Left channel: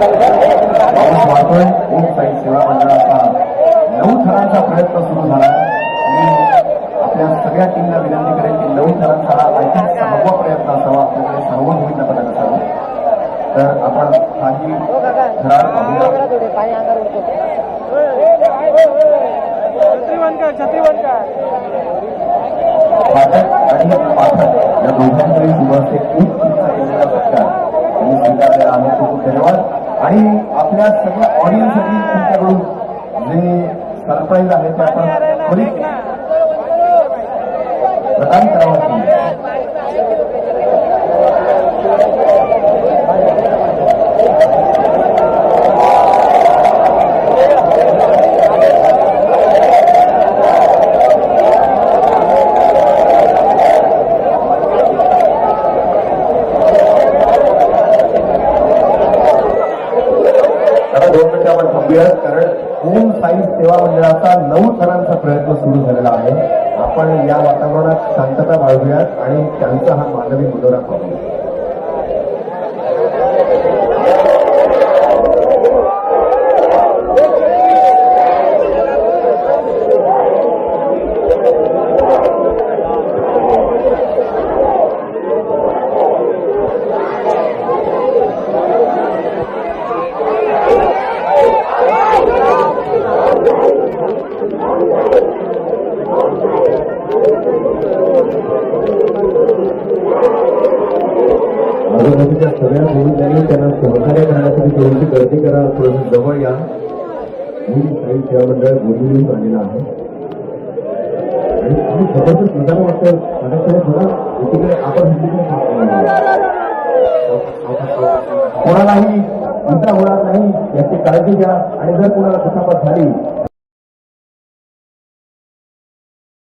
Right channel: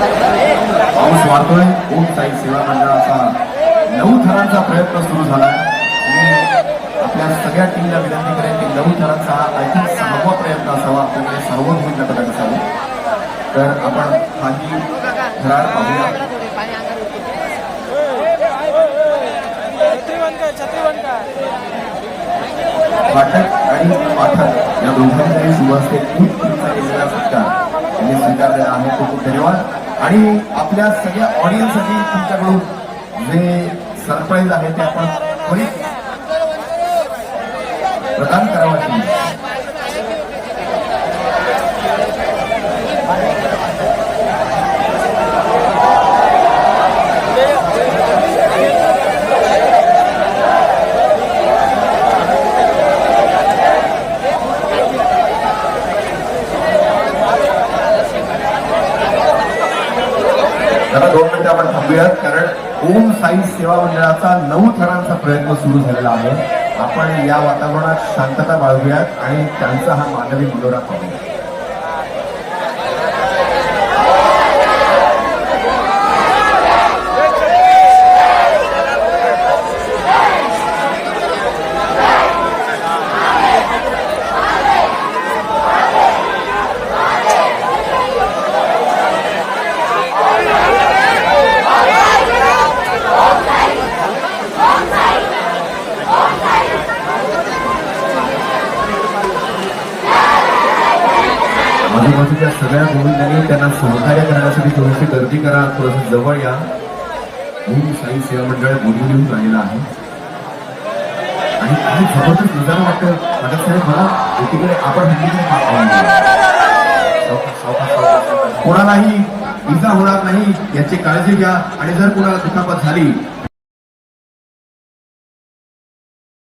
पाऊस वाहतोय ओम साई सेवा मंडळाचा नऊ थरांचा प्रयत्न सुरू झाला मी आपल्या सगळ्या टीमला विनंती करेन की नऊ थरांचा हा आय सहावा प्रयत्न असावा आपल्याकडे सहावं भूमिका पदक असावं. तर आपण काही थरार पाहूया. फाटक आणि पाठक या दोघांमध्ये सुरू असते. खूप आणि आपल्या सगळ्या ऑडियन्ससाठी तुमच्याकडून जे सरप्राईज आहे ते आपण त्वरित प्रदान करावं मिनिटं कारण ओम साई सेवा मंडळाचा नऊ थरांचा प्रयत्न सुरू झालेला आहे. आपण या वातावरणात शांतता बाळगूयात आणि त्यांचा हा मानवी मनोरा करूया आजूबाजूच्या सगळ्या मुलींनी त्यांना सहकार्य करण्यासाठी थोडीशी गर्दी करा थोडस जवळ या. मी साई सेवा मंडळ बोलून आलेलं आहे. आणि काही जबरदस्त नजारा वाटतं माझ्या साहेब मला एकीकडे आपण कोणालाही इजा होणार नाही याची काळजी घ्या. आणि जर कोणाला दुखापत झाली